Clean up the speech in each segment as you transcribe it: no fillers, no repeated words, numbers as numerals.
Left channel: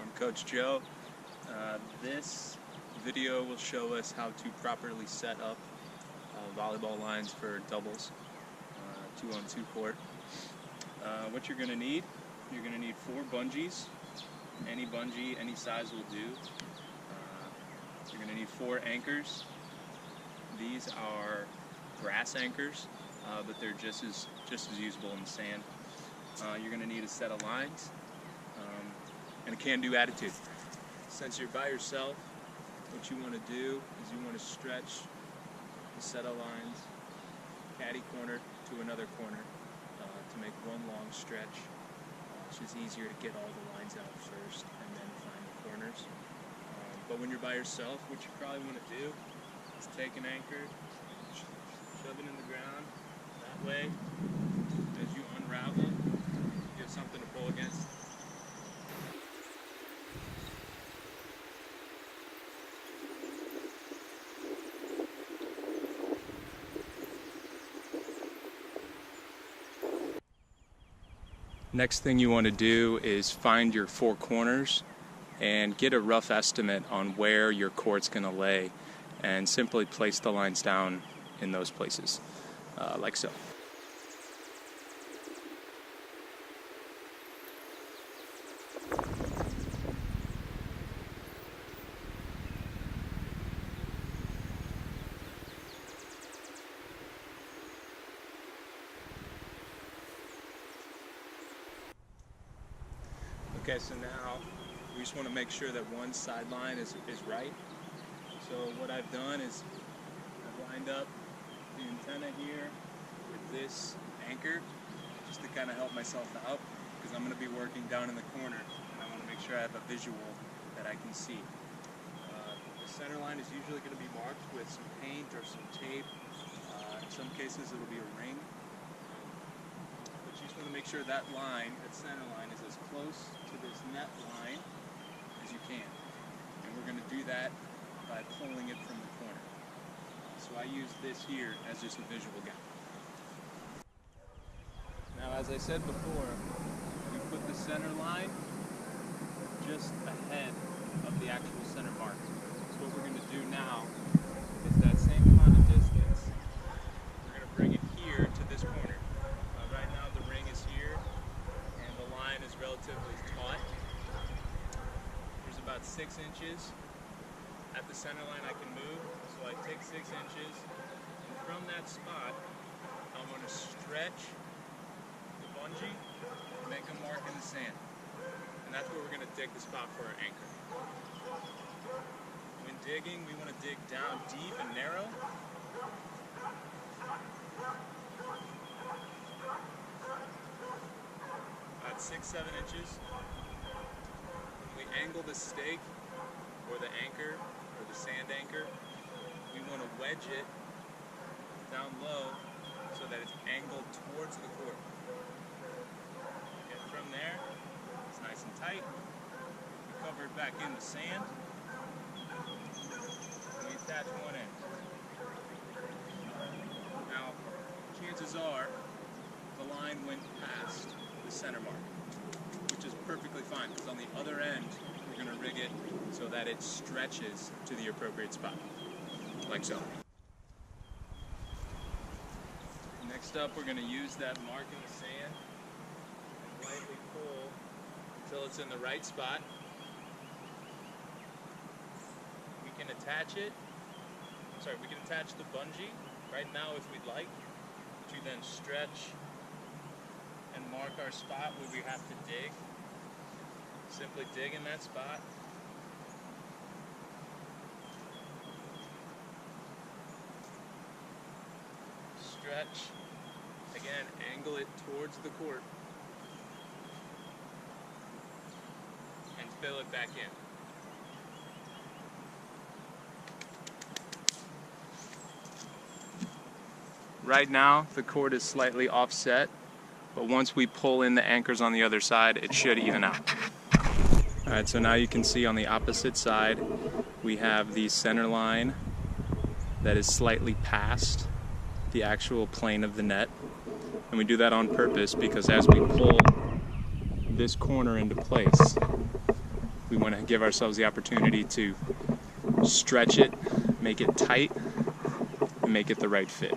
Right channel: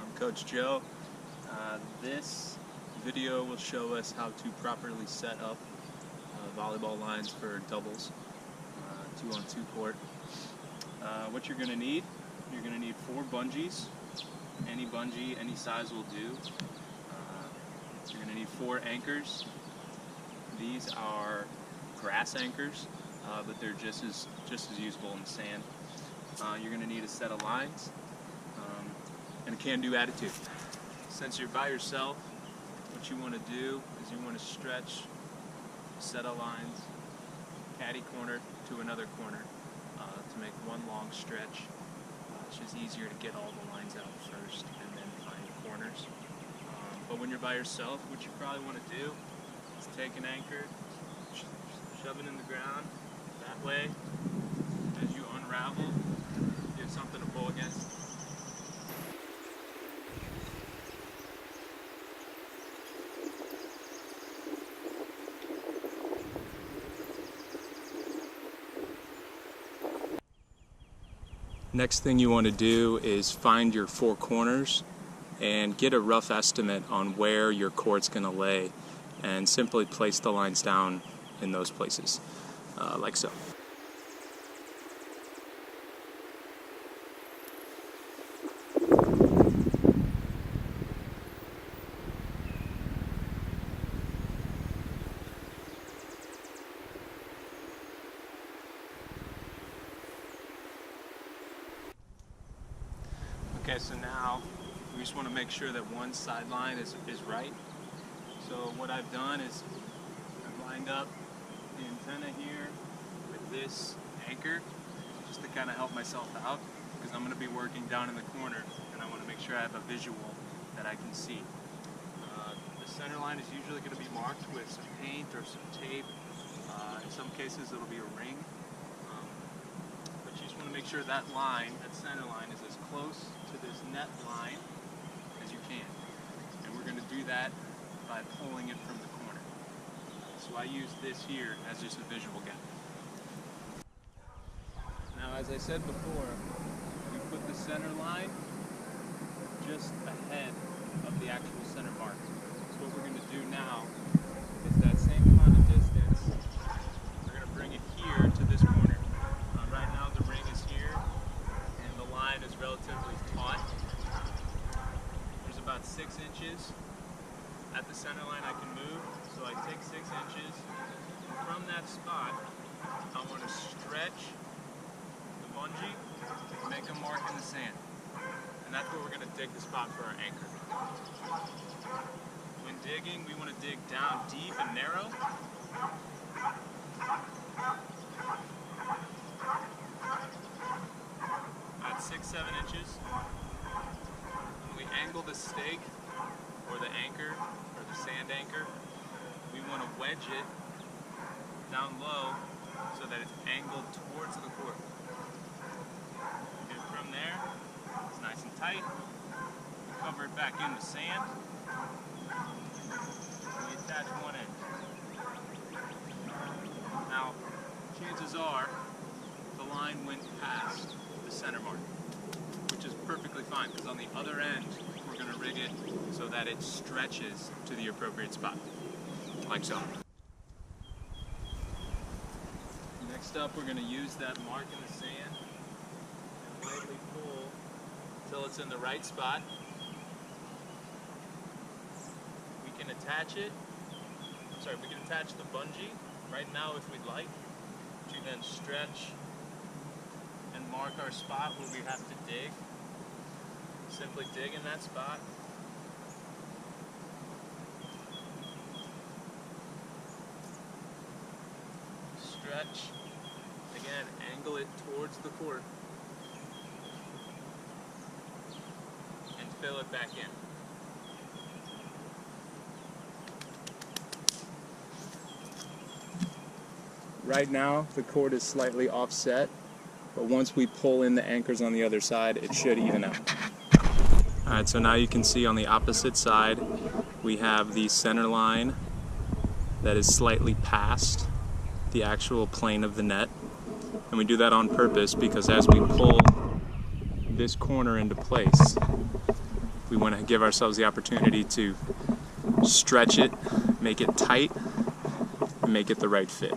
I'm Coach Joe. This video will show us how to properly set up volleyball lines for doubles, 2-on-2 court. What you're going to need 4 bungees. Any bungee, any size will do. You're going to need 4 anchors. These are grass anchors, but they're just as usable in the sand. You're going to need a set of lines and a can-do attitude. Since you're by yourself, what you want to do is you want to stretch a set of lines caddy corner to another corner to make one long stretch. It's just easier to get all the lines out first and then find the corners. But when you're by yourself, what you probably want to do is take an anchor, shove it in the ground. That way, as you unravel, you have something to pull against. Next thing you want to do is find your 4 corners and get a rough estimate on where your court's going to lay, and simply place the lines down in those places, like so. Okay, so now we just want to make sure that one sideline is right. So what I've done is I've lined up the antenna here with this anchor just to kind of help myself out, because I'm going to be working down in the corner and I want to make sure I have a visual that I can see. The center line is usually going to be marked with some paint or some tape. In some cases it'll be a ring. But you just want to make sure that line, that center line, is as close to this net line as you can. And we're going to do that by pulling it from the corner. So I use this here as just a visual gap. Now, as I said before, we put the center line just ahead of the actual center mark. So what we're going to do now is that same amount of distance, we're going to bring it here to this corner. Right now the ring is here and the line is relatively taut. There's about 6 inches at the center line I can move, so I take 6 inches, and from that spot I want to stretch the bungee and make a mark in the sand, and that's where we're going to dig the spot for our anchor. When digging, we want to dig down deep and narrow. About 6-7 inches. When we angle the stake or the anchor or the sand anchor, we want to wedge it down low so that it's angled towards the court. And from there, it's nice and tight. We cover it back in the sand and we attach one end. Now, chances are the line went past the center mark, which is perfectly fine, because on the other end we're going to rig it so that it stretches to the appropriate spot, like so. Next up, we're going to use that mark in the sand and lightly pull until it's in the right spot. We can attach it, we can attach the bungee right now if we'd like, to then stretch and mark our spot where we have to dig. Simply dig in that spot. Stretch. Again, angle it towards the court. And fill it back in. Right now, the court is slightly offset, but once we pull in the anchors on the other side, it should even out. Alright, so now you can see on the opposite side, we have the center line that is slightly past the actual plane of the net. And we do that on purpose because as we pull this corner into place, We want to give ourselves the opportunity to stretch it, make it tight, and make it the right fit.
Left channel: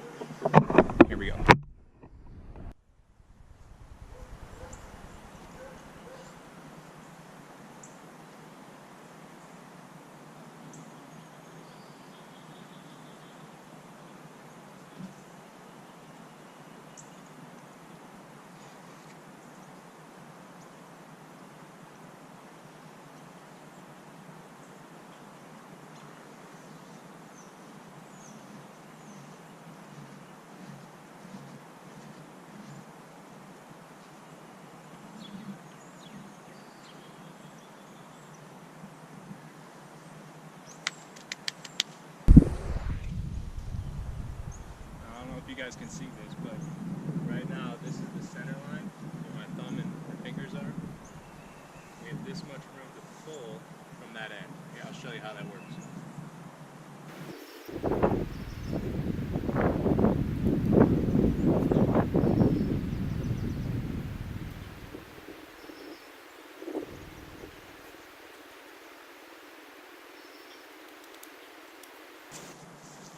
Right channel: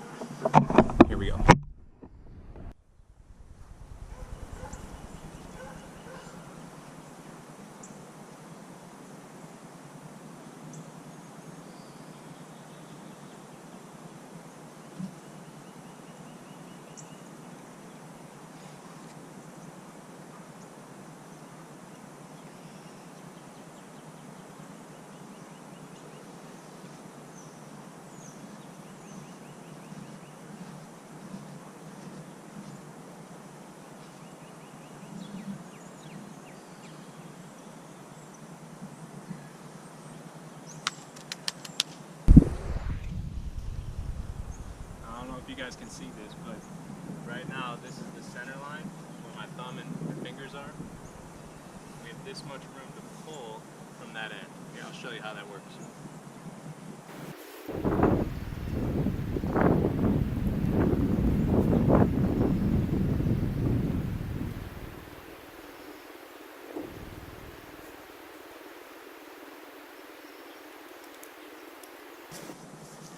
Here we go. I don't know if you guys can see this, but right now this is the center line where my thumb and my fingers are. We have this much room to pull from that end. Here, I'll show you how that works.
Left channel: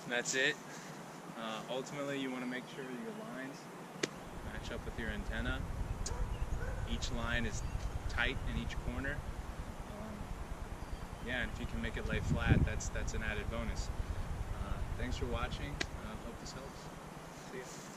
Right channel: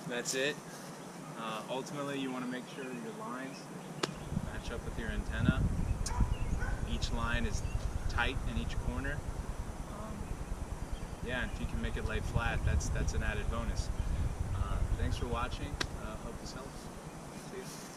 That's it. Ultimately, you want to make sure your lines match up with your antenna. Each line is tight in each corner. Yeah, and if you can make it lay flat, that's an added bonus. Thanks for watching. Hope this helps. See ya.